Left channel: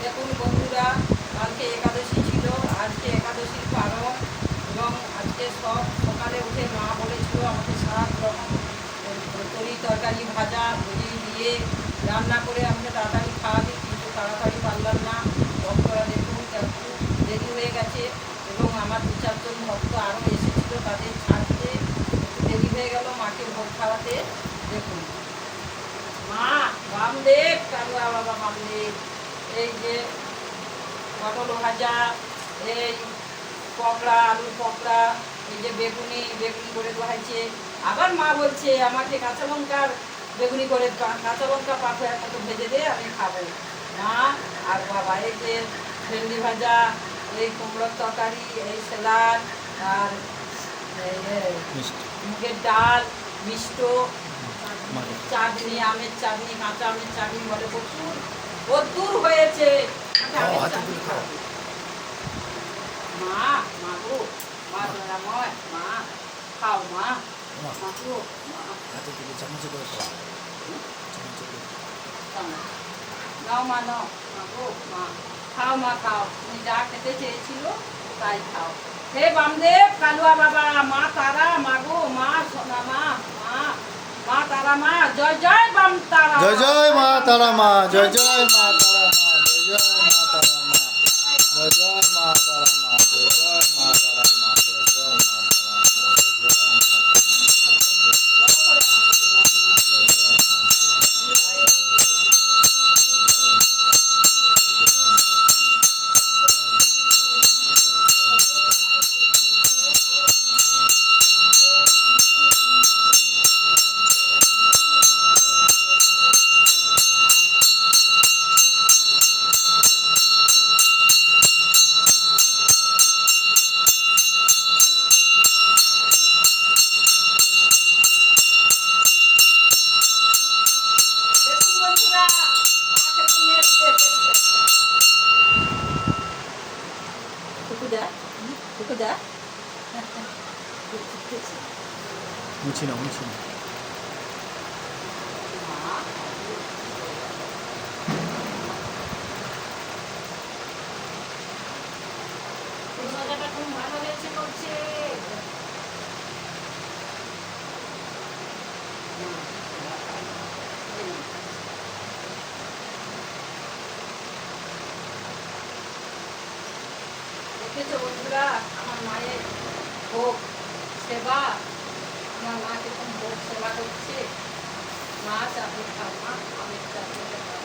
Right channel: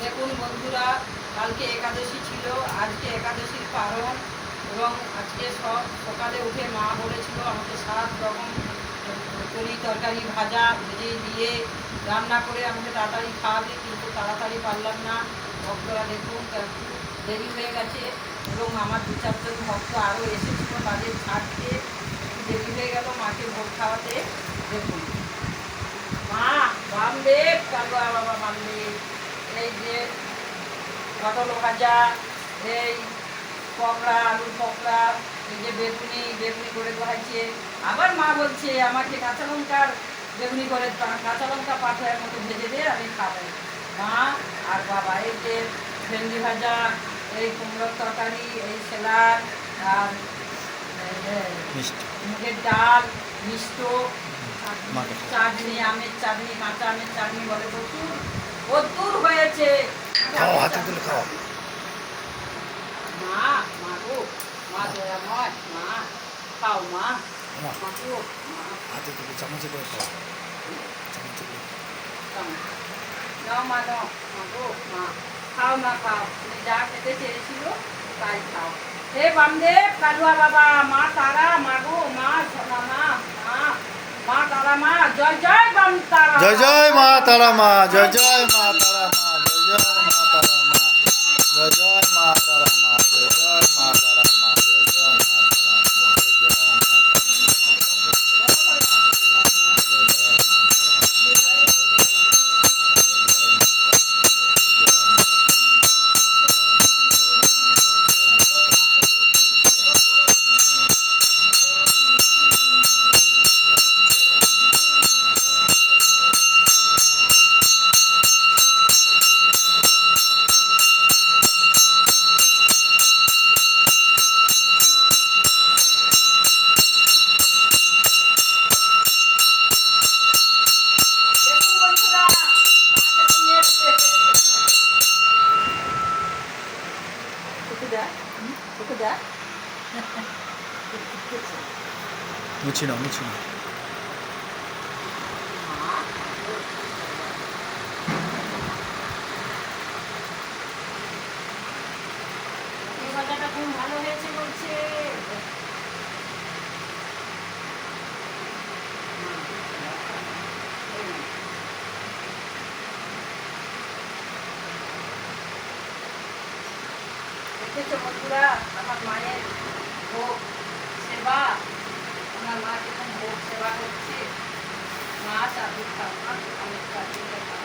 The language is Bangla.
দেখুন বন্ধুরা, কালকে একাদশী ছিল, আজকে একাদশীর পালন এবং আজকে সব সকালে উঠে মা বলেছিল, আমাকে সাত রকম তরি তরকারি ভাজা, ভেজে দিয়ে রান্না করে আমাকে তাড়াতাড়ি খাওয়াবে, কিন্তু তাড়াতাড়ি পারলাম না। ভক্তরা দেখুন দেরি হয়ে গেছে এবং আমার দু চারজন ভক্ত আরও এসেছিল তাদের ছাড়তে। দেরি হয়ে গেল মাকে খাওয়াতে দেখুন। মা বামদেব কালুয়া বাবা বামদেব এই যে পটল ভাজা এই পকড়া আলুর পকড়া এই যে বেগুনি বেগুনি করে দেওয়াছে আবার মা বলছে আমাকে কাঁচা লঙ্কার বেগুনি করে কাঁচা লঙ্কা পাথরের মতো ভেজে দিয়ে আমি খাব। মা আর বাবা এই যে ভেন্ডি ভাজা এই কুমড়োর তরকারি এই স্যালাড আর মুগের ডাল মিষ্ট চাটনি আমের চাটনি কাঁচা আমের চাটনি বলে প্রচুর। প্রচুর হয়েছে। খাও হাতে তুলে খাও মা মা গো মা দয়াময় মা খাও মা। মা মা গো মা। হাতে তুলে চামচে করে খাও চামচে করে নাও মা নাও। মা গো মা। খাও মা খাও। তুমি যা খেতে চেয়েছিল তাই খাও। হে বামদেব কালুয়া বাবা মা তারা মাগো মা সোনা মা মা মা। তারা মা জয় জয় বাম তারা জয় জয় মা তারা মা জয় জয় মা তারা মা জয় জয় মা তারা দেয় মুছি না মুছি না ভালো হয়েছে বলছে। দেখেছ বন্ধুরা? আমার মায়ের ভোগ সেবা। আমার মা কীরকম ভোগ সেবা করছে, মা চাকরি খাওয়া আমি চাকরি খাও